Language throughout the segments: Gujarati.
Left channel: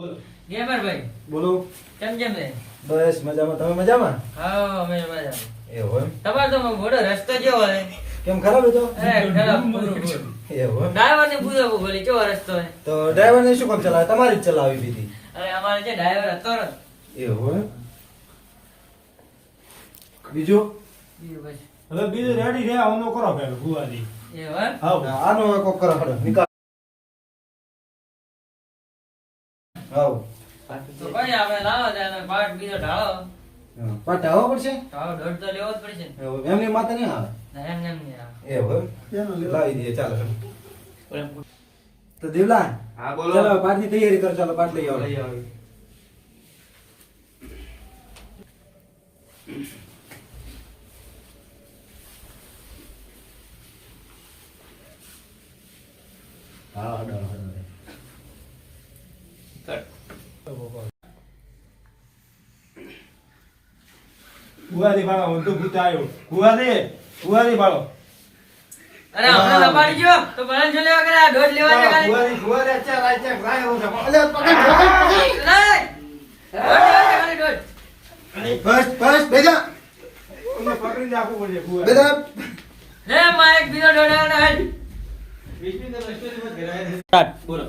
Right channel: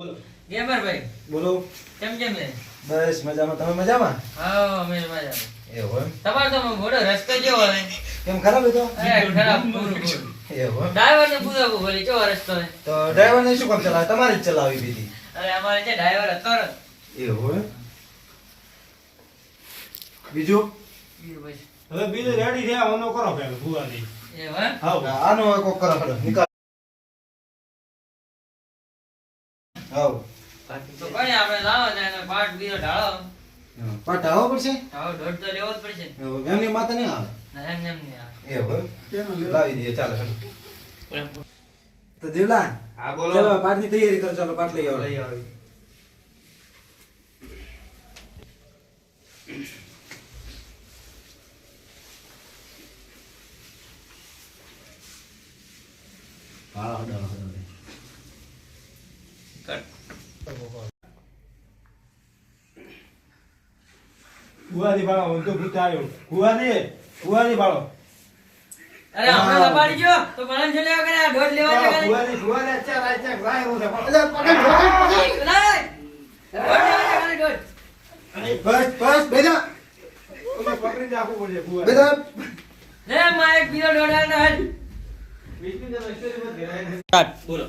બોલો ગેમર ભાઈ બોલો. કેમ કેમ છે? બસ મજામાં. તમે મજામાં? હા અમે મજામાં. એવું એમ? તમારો તો મોટો રસ્તો જેવો હે. કેમ ખરાબ હતો? ખરાબ પૂરું પૂરું. એવું એમ? ડ્રાઈવર ને પૂછવું બોલી કેવો રસ્તો હે? તો ડ્રાઈવરને શું કામ ચલાવે? તમારે જ ચલાવી દીધી. અરે અમારે જે ડ્રાઈવર હતો ને એવું એમ? બીજું? ઈ બસ. હવે બીજું રેડી થયા ઓનો કરો પેલો ભુવાજી એવું એમ? હાવ આનો હવે કોક કરો હાલો નિકાલ. હાવ. તો કઈ આપણે લાવો છે અને પાટ બીજો ઢાળો. પાટ આવવો પડશે? ઢાળો દોઢ તો લેવો જ પડશે. એવું એમની માથે નહીં આવે. ના એમ નહીં આવે. એવું એમ? લાવી દઈએ ચાલો. તો દેવલાન હા બોલો ચાલો પાટની તૈયારી કરો. ચાલો પાટ લઈ આવો. લઈ આવો ભુવાજી બાળો ઊંધું ભૂતાયો ભુવાજી બાળો અરે હમણાં લપાડી ગયો તો બળન જો લેવા કર્યા દોઢ લેવા છે ખાલી. ભુવાજી અચ્છા લાય હું લઈ. દોઢ લેવા છે ખાલી દોઢ. બસ બસ બેજા ઓને પકડીને આપવું પડશે ભુવાજી બેજા. રે માં એક બીજો દોઢ આના હેડ. બીજું તો મસ્તી મત કરાય બોલો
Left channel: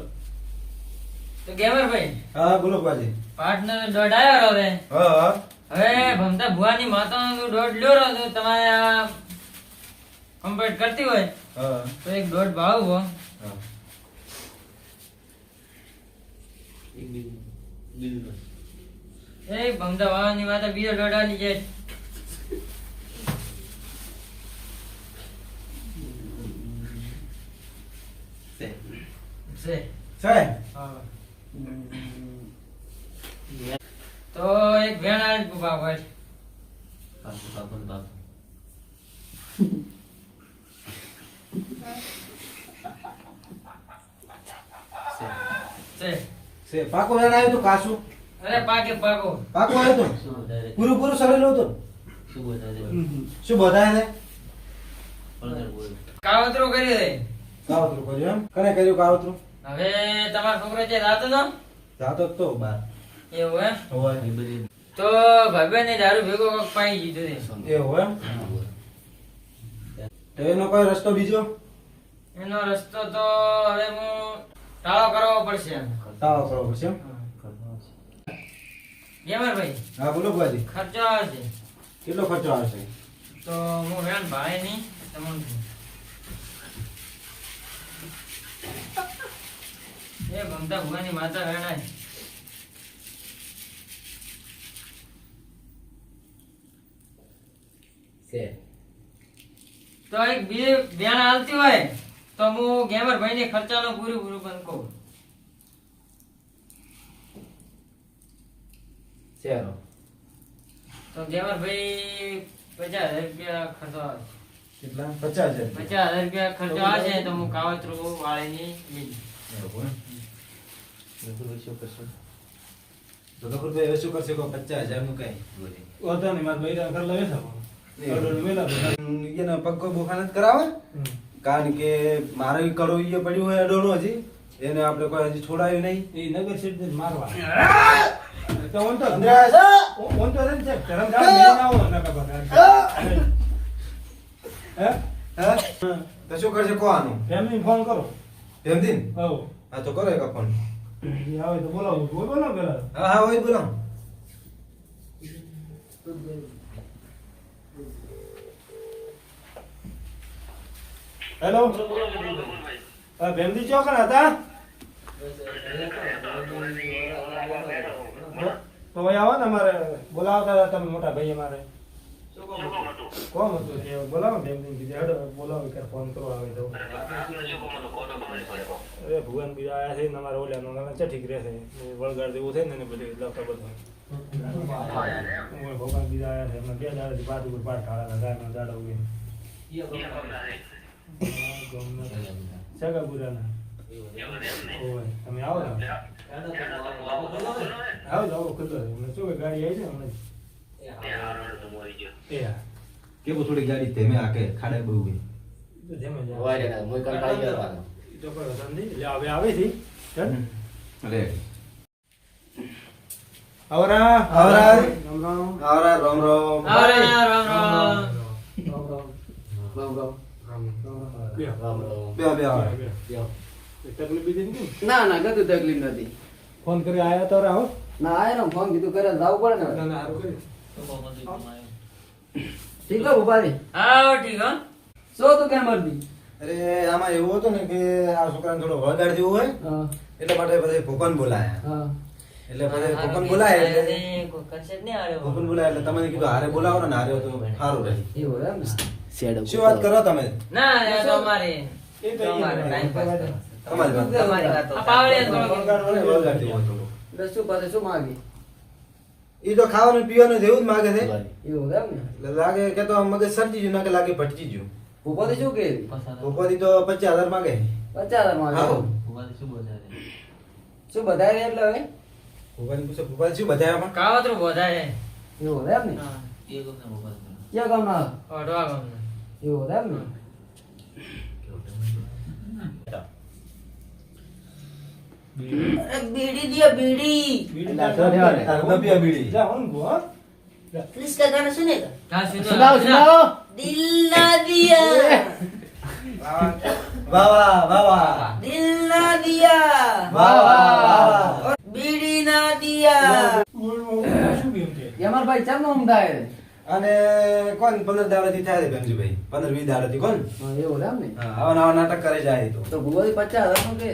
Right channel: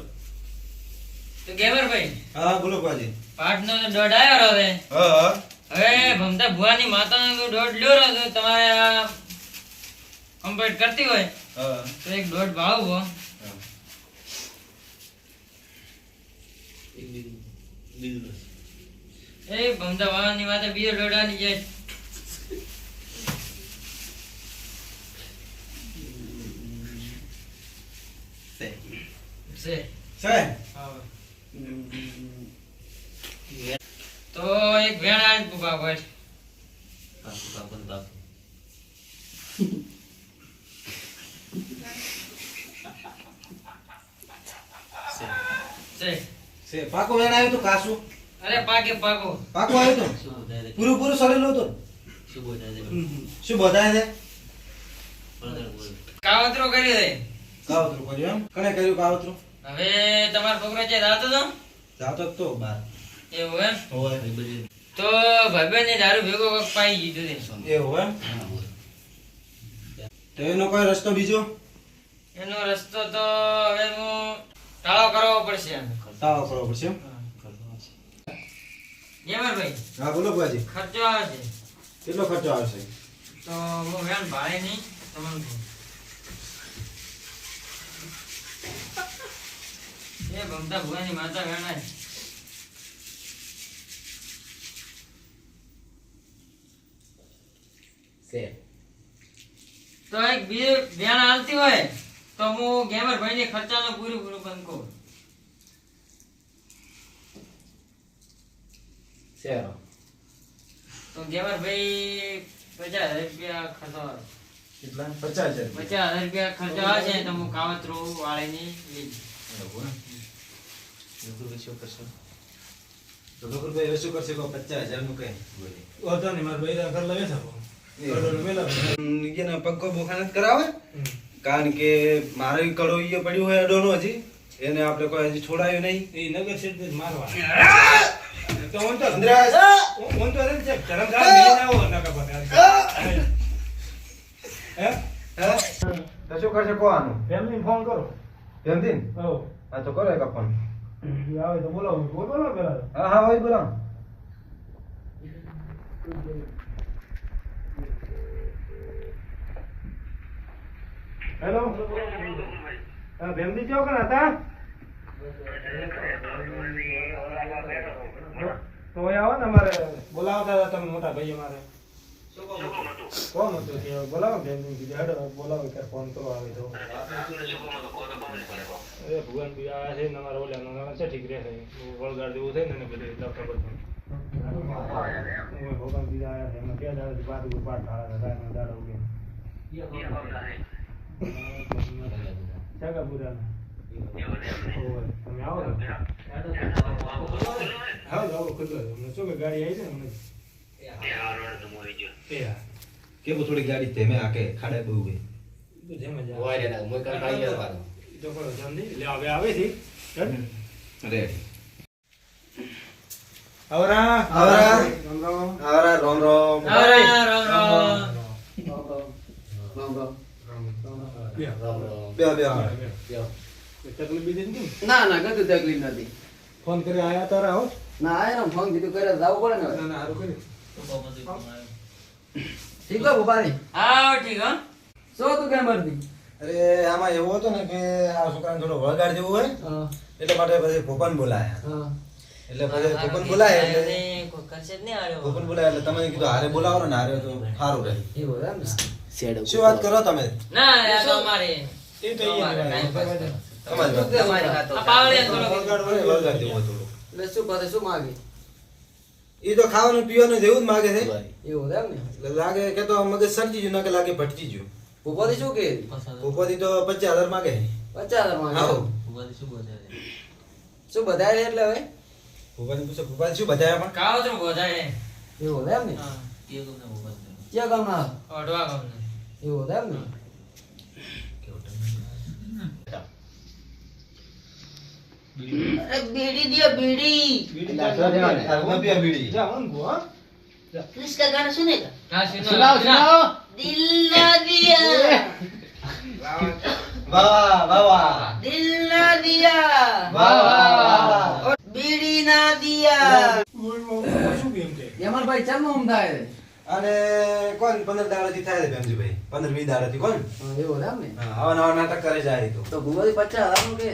તો ગેમર ભાઈ હા બોલો બાજી. પાટ નો દોઢ આવ્યો હવે. હા હા હવે ભમતા ભુવાની માતાનો તો દોઢ લ્યો રહ્યો તો તમારે કમ્પ્લીટ કરતી હોય હા તો એક દોઢ ભાળવો. હા. એ ભમતા ભવાની માતા બીજો દોઢ આલી જાય. છે. સાહેબ હા. તો એક વેણ આલી પુપા ભાઈ. છે. સે પાકો વેણ આવ્યો તો કાસુ અરે પાકે પાકો. પાકો આવ્યો તો પૂરું પૂરું સડેલું હતું. શું બધાય છે? કાવતરો કર્યો છે. કાવતરું કર્યું એમ? કને કર્યું કાવતરું? હવે તમારો છોકરો છે રાતો તો જાતો જ તો બાર એવું એમ હોય. તો ભાઈબંધ ને દારૂ ભેગો કોક પાઈ દીધો છે. એવું એમ? તો એનો કોઈ રસ્તો બીજો? એનો રસ્તો તો હવે હું ટાળો કરવો પડશે. તાવ કરવો પડશે એમ? ગેમર ભાઈ હા બોલો બાજી. ખર્ચો આવે છે કેટલો ખર્ચો આવશે? તો હું વેણ ભાડે નહીં તમને કહું. એ ભમતા ભુવાની માતા વેણાય. તો એક બે વેણ હાલતી હોય તો હું ગેમર ભાઈ ને ખર્ચાનું પૂરું પણ કહું. શેરો તો ગેમર ભાઈ 50,000 રૂપિયા ખર્ચો આવે. કેટલા? 50,000. 50,000 રૂપિયા ખર્ચો આવે છે તો હું કાવતરું વાળીની લીધી. એવું એમ? તો ગફુરભાઈ હવે શું કરશે? કોઈ 50,000 નું કઈ વાંધો નહીં મારા બૈરા ઘર લઈ જાવ એને પગ બોખાને જ કરાવે. કારણ કે મારો ઈ કડો ઈ પડ્યું હોય અડોનો હજી એને આપણે કોઈ હજી છોડાયું નહીં. એ નગર સીટ મારવા તો ઓન તો અંદ્રાસ! ઓન તો રે છે ધરમ જાવ મેં આવો નગર પર હે હા? તો શું કરશે કોવાનું? ફેમિલી ફોન કરો એમથી? હો હા તો કરો એક ફોન. એ આવે તો બોલાવો બોલો પેલા હા હા હોય બોલો. હેલો હા ફેમિલી ચોકન હતા તો ભાઈ આવો ને અમારે બોલાવતા હતા તમે મોટા ભાઈ અમારે કોણ હતું કે બોલાવો ફેમિલી કીધું હેડો બોલાવો કે ફોન કરો આવે તો અરે ભગવાન બીજા આયા છે ને અમારે ઓલા છે ઠીક રહેશે વળગાડ જેવું છે ને બધું લખતા બધું ભગવાન બીજા આયા છે એમને 2 દાડાથી પાટ ઉપર પાટ ઢાળા હતા એમને દાડા ઉગે સગા બુરાના ઓય તમે આવો ને આવો ખુલ્લો અમને શું કે ગાડી આવી છે ને અમને કેવું થોડી ગાડી ધીમે આકે ખાડે બહુ ગઈ. તો જેમ જ વારે ના મોય કામ પાઈ ગયા તો કોઈ વધુ નહીં લે હવે આવે છે રેડી. આવરા આવરા. રામ રામ. આવરા રામ રામ. આવરા રામ રામ. બે. બે બે આવરા. કોઈ તકલીફ બીજી નથી? ના ના કશું તકલીફ નથી. ફોન કરી આયા તો રાહો. ના આયા ને ફોન કીધું કરે તો જવું પડે ને. ના ના હારું કર્યું. ઠીક હો ભૂપાજી. આવો ઠીક હો. શું તું કેમ મરતી? અરે આમાં એવું હતું ને કે આ છોકરાને થોડો વળગાડ જેવું હોય હા એટલે માટે પછી ભૂપન બોલાયા. હા એટલે પછી ભૂપન બોલાય એટલે એ કોઈ કરશે જ નહીં હારે. ભૂપન બોલાય એટલે તમે કીધું હારે બોલાવો ને હારે તો સારું રહે. એવું એમ ને. શું વાત કરો તમે? ના આ તો અમારે એ તો તમારે અહીંયા time pass કરો. તમારી વાત. તમારી વાત. આ પાવડે થોડો વળગાડ હોય ને વળગાડ જેવું હોય થોડું. એટલે શું પાસે શું માગી? એ તો ખાવાનું પીવાનું જેવું જ માગે છે. એવું એમ ને. એટલે લાગે કે તો મગજ સરજી ગયું ના કે લાગે ભટકી ગયું. ભૂપાજી શું કહે? ભૂપતિ તો 50,000 માગે. 50,000 માગે. આવો. શું બધાય છે એટલે હવે? ભૂપતિ પૂછો ભૂપતિ શું બતાવ્યા પણ? કાવતરું બોધાય. એવું એમ ને. હા. ક્યાં ગામના? ઓઢવા ગમને. એવું એમ ને. बीड़ी दिया बीड़ी એટલે આ તો રહેવાને. તારે ન પીવા બીડી. જા ઊંઘો, હા. किसका गाना सुनेगा હા સુનો. સુનાવો સુનાવો. दिल ना दिया વાહ વાહ વાહ વાહ. दिल ना दिया વાહ વાહ વાહ. बीड़ी ना दिया શું કેમ કે? એમાં ભાઈ ચાલ નું થાય છે. અને કોણ 15 દાડાથી થાય છે ભેમજીભાઈ? 15-20 દાડાથી કોણ? હા, એવું એમ ને. હા, આવા નવા નાટક કરે જાય તો. તો ભૂપાજી 50,000 નું કે?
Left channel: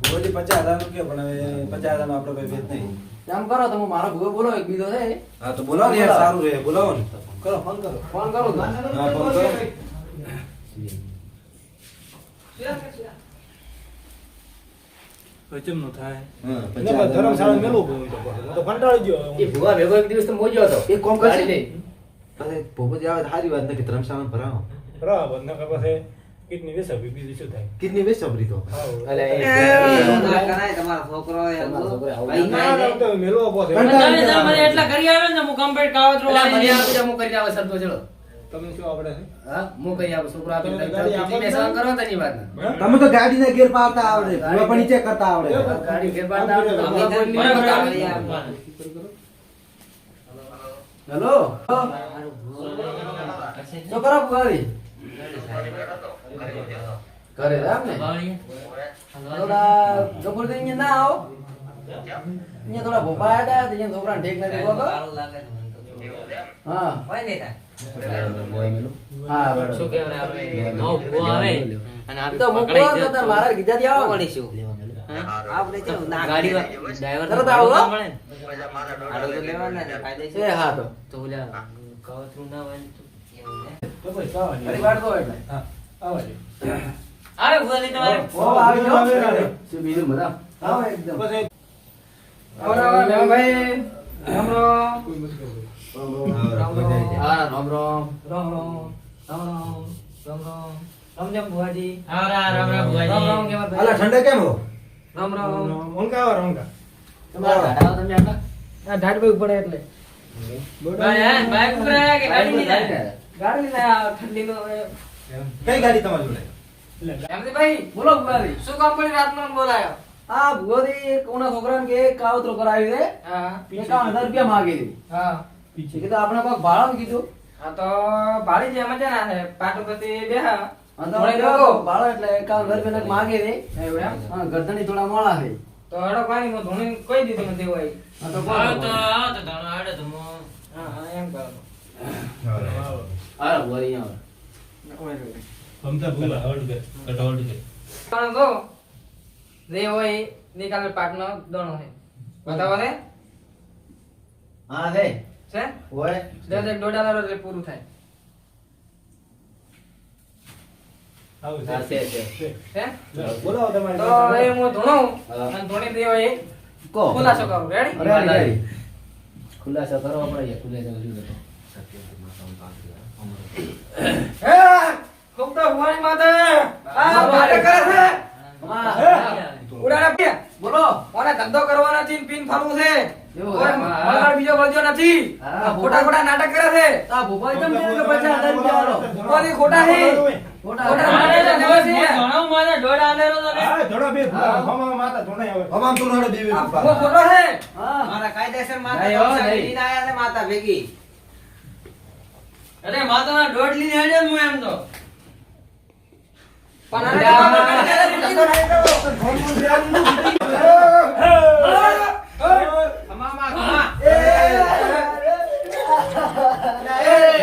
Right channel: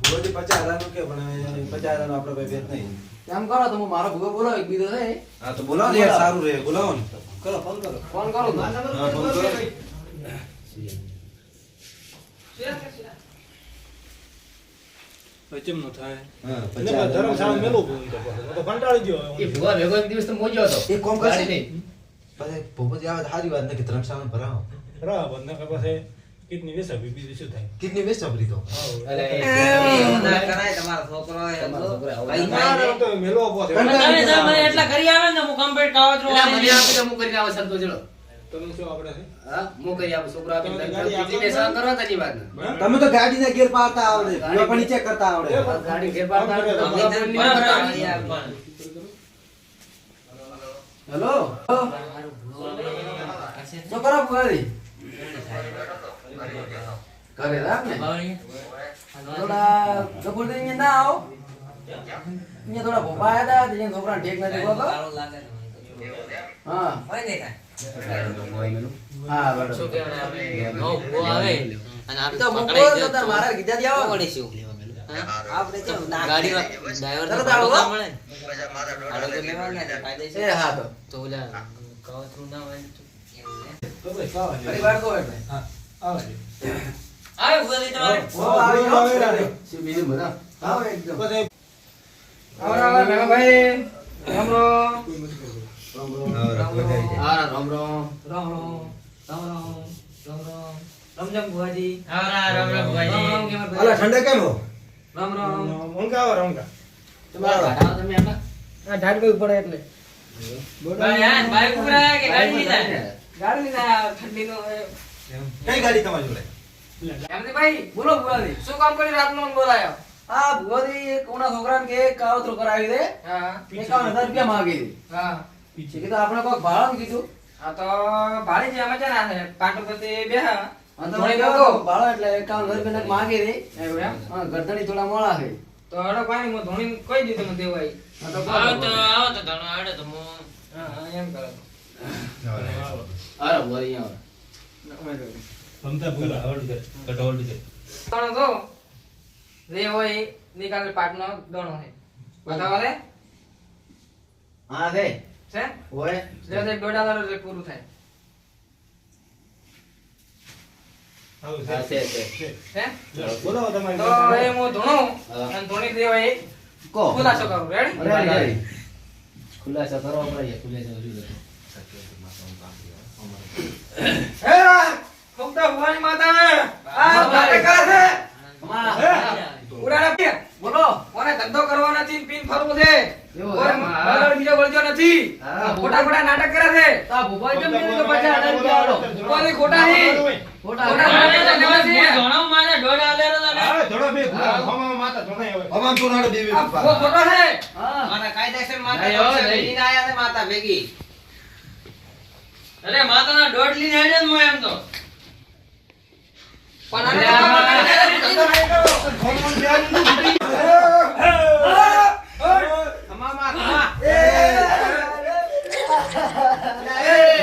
પૂરોથી 50,000 નું કયો પણ હવે 50,000 નો આપણે ભાઈ ભેદ નહીં. કામ કરો તો હું મારો ભૂગો બોલો એક બીજો છે. હા તો બોલાવો ને યાર, સારું રહે બોલાવો ને. કરો ફોન કરો. ફોન કરો તો. હા, ફોન કરો. હવે ચેમ નો થાય? હા, એને બસ ધર્મશાળા મેલું બોલું તો પછી. હું તો કંટાળી ગયો. એ ભૂગા ભેગો એક દિવસ તો મોજો હતો. એક કોમ ગાડી કરશે. લઈ. પછી ભૂપતિ આવે તો સારી વાત નથી, ધર્મશાળા ભરાવો. બરાબર, નકર પછી કિડની વેચાવી, બીજું શું થાય? કિડની વેસ્ટ આપડી તો. હાઉ. અલે એ એવું ના કરાય તમારો છોકરો તમારો છોકરો આવું અહીં ના, ના, તો મેલો આપો છે. તમે જે મને એટલા કરી આવે ને હું કમ્પ્લીટ કાવતરું એટલે મને વાળી આપી દો, હું કરીને આવો સંતો ચલો. તમને શું આવડે છે? હા હું કરી આપું છોકરો આપી તમે દઉં. ગાડી આપો કેટલી બેસવા કરો તેની વાત ને. હા? તમે તો ગાડીના ગેર પાડતા આવડે, ભૂવા પણ નીચે કરતા આવડે. ગાડી ઘેર બાર ના આમ આવડે. કરે. કોઈ નહીં બરાબર, કરતા. આપવાનું. હેલો શું કરો ભૂગાડી? ઘરે રામ ને. બાવળી. થોડા કપૂરથી અહીંયા ના આવો. અહીંયા થોડા ભોપા આવ્યા હતા, અહીંયા છોકરાને ઠીક નથી બોલો. હા હોય નહીં થાય. હા બરાબર. શું કહેવાય આપણે નવો ભૂવો આવે અને આપણે તો હું પકડાઈ કહું તો તાર મારા કીધા થી આવો. આપણે કેવું ના ગાડી ડ્રાઈવર તરત તો આવો. ભાડું ના મળે ને. ભાડું તો લેવાના ને કાયદેસર. એ હા તો. તો ઓલા કાવતરું ના હોય તો એવું ને. તો ભાઈ કાવા દે. ફરી વાર તો એટલે. હા, આવા દે. આવે ભૂવાજી તમારે? ઓ આવી જાઓ. આવે રાડે. શું બીજું બધા? આવો એકદમ. પછી આવો આવો ભાઈ. રામ રામ. કોઈ મત કરતો. રામ રામ. હા રામ રામ. રામ રામ. રામ રામ. રામ રામ. રામ ભુવાજી. હા રામ રામ રામ રામ ભુવાજી. કેમ અલા ઠંડે કેમ હો? રામ રામ. ઊંઘા આવે, ઊંઘા. તમારા ઘાટા તમે આટલા? આ ઢાળ પર પડે એટલે. ભાઈ આ બાઈક ઉપર આવ્યા કે ગાડી લઈને આવ્યા? ગાડી લઈને આયા, ઠંડીનો કઈ ગાડી તમારી જોડે? એમથી ભાઈ બોલો ભુવાજી શું કામ કરી રાતનો બોલાયો? હા ભુવાજી એક ઉના છોકરાને કે કાવતરો કરાવી દે. હા 51,000 રૂપિયા માંગી દે. હા પીછે કીધું આપણે કોક ભાડું કીધું. હા તો ભાડી જે મજા ના થાય પાટો પછી બેહા થોડી લોકો ભાડો એટલે 51,000 રૂપિયા માંગી દે. એવું એમ? હા ગરદણી થોડા મોળા છે. તો હડો પાણી માં ધોણી કોઈ દીધું નથી હોય. હા તો આવો તો ધણો આવડે તો હું હા એમ કરો. આવો. અરે ભુવાજી આવો. હમતા ભૂલા, હોલ્ડ કર. કટ હોલ્ડ કર. પણ તો જે હોય નિકાલ પાટનો દણો છે બતાવો રે. હા છે છે હોય દસ એક $1.5 એટલે પૂરું થાય. આવો છે. હા, છે. છે. છે બોલાવો તમારી તો પાસે. એ હું ધોણું હા. અને ધોણી દેવો એ કહો. ખુલાસો કરું. Ready ready. ખુલાસો કરવા પડે ખુલાસો જુદો. હે ખૂબ તો ભવાની માતા આ વાત કરે છે. ઉડાડા પે બોલો કોને ધંધો કરવાનો નથી પીન ફરવું છે કોઈ મગર બીજો વળજો નથી ખોટા ખોટા નાટક કરે છે. આ ભૂપાઈ કેમ કીધું કે 50,000 રૂપિયા આલો ભૂપાઈ ખોટા છે. ખોટા ધોણો મારે દોડ આલેરો તો લે. હા, ધોળો બે ભૂલા. હોમાં માતા ધોણે આવે. અમામ તો નાડે બે બે આ પપ્પા. ભૂવો ખોટો છે હા મારા કાયદેસર માતા નહીં, હો, પૈસા નહીં. લઈને આયા છે માતા ભેગી અરે માતાના દોડ લઈને હેડ્યો ને હું એમ તો. પણ અમામા ખમા Hey!